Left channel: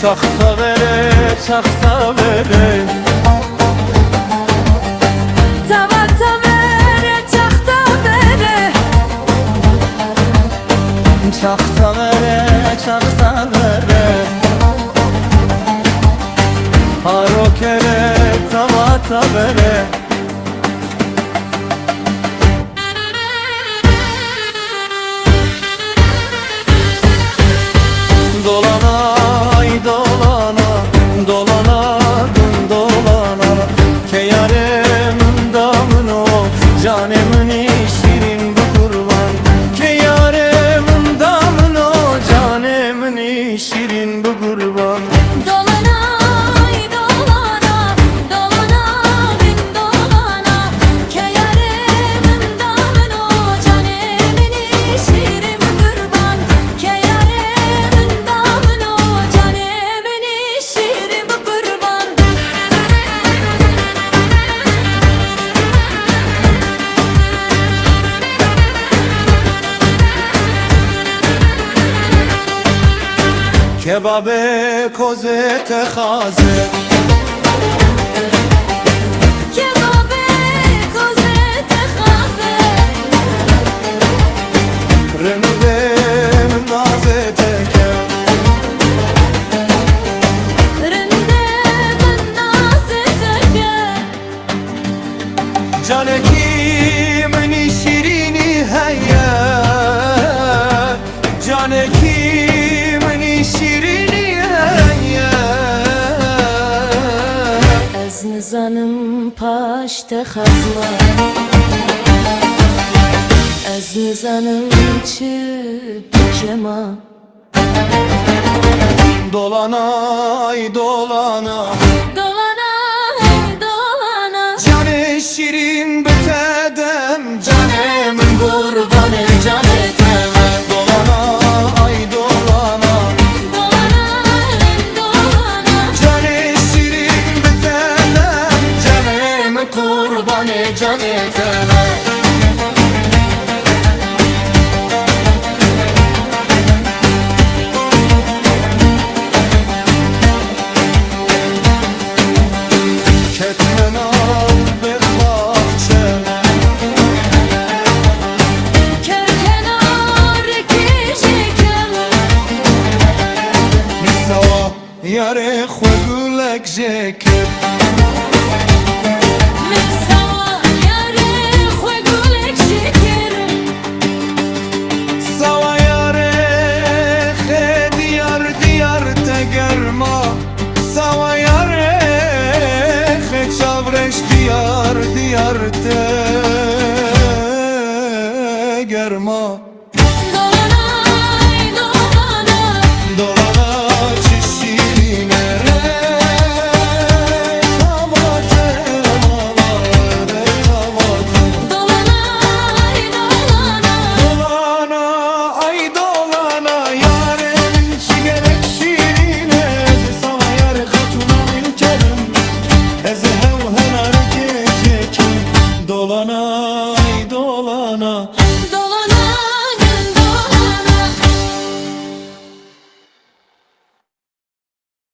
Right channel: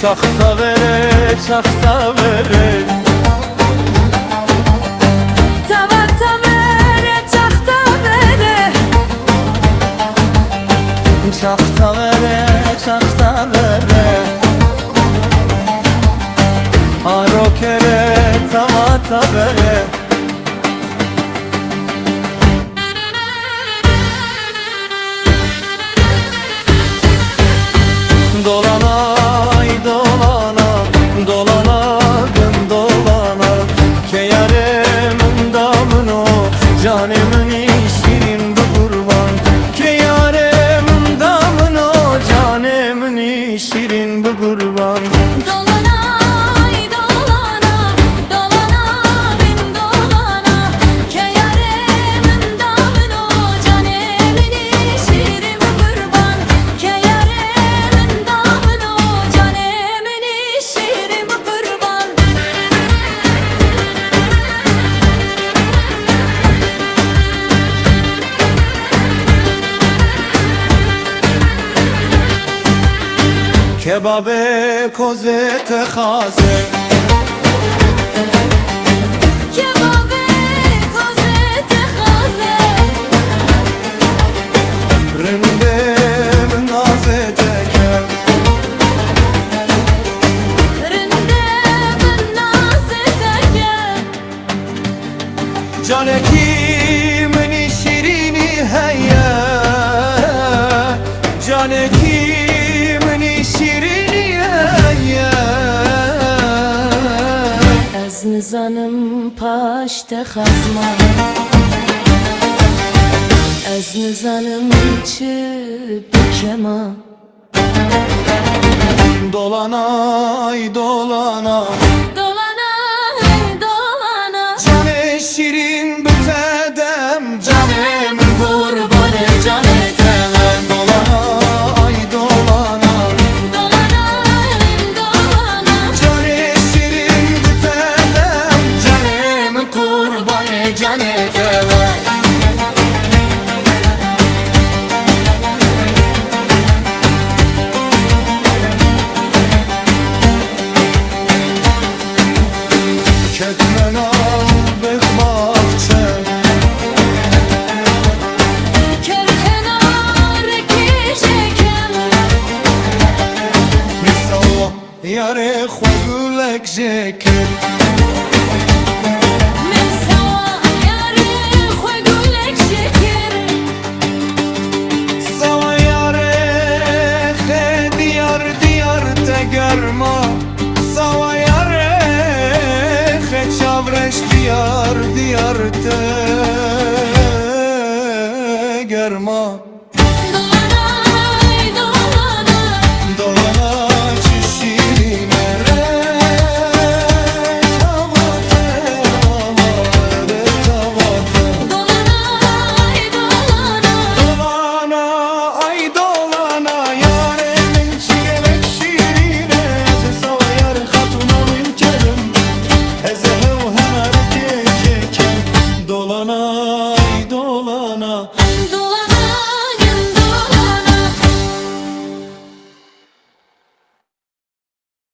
Çaksa vere, çaksa vere. Tavata vere, çakta vere. Çaksa vere, çaksa vere. Haro kere, tavata vere. Dolana, ay dolana, dolana, gün dolana. Ke yaremin damını, canemin şirin bu kurban. Ke yaremin damını, canemin şirin bu kurban. Dolana, ay dolana, dolana, bin dolana. Ke yaremin damını, canemin şirin bu kurban. Ke yaremin damını, canemin şirin bu kurban. Kebabe koze tehaze. Kebabe koze tehaze. Rindem naze teke. Rindem naze teke. Cane kimin şirini heye. Cane kimin şirini heye. Ez nizanım paşte xazma. Ez nizanım çi bükema. Dolana ay dolana. Dolana hey dolana. Cane şirin bitedem. Canemin kurbanı cane teve. Dolana ay dolana. Dolana hey dolana. Cane şirin bitedem. Canemin kurbanı cane teve. Ketmen al bek bahçe. Kerkenar kişekem. Misava yare xwe gulek jekir. Min sawa yare xwe gulek şekir. Sava yare xe diyar diyar te germa. Sava yare xe çavreş diyar diyar te germa. Dolana ay dolana. Dolana çişirine re. Tavate lava re tavate. Dolana ay dolana. Dolana ay dolana. Yaremin çigelek şirine. Ze sava yare hatuna min kerim. Eze hev henar keceken. Dolana ay dolana.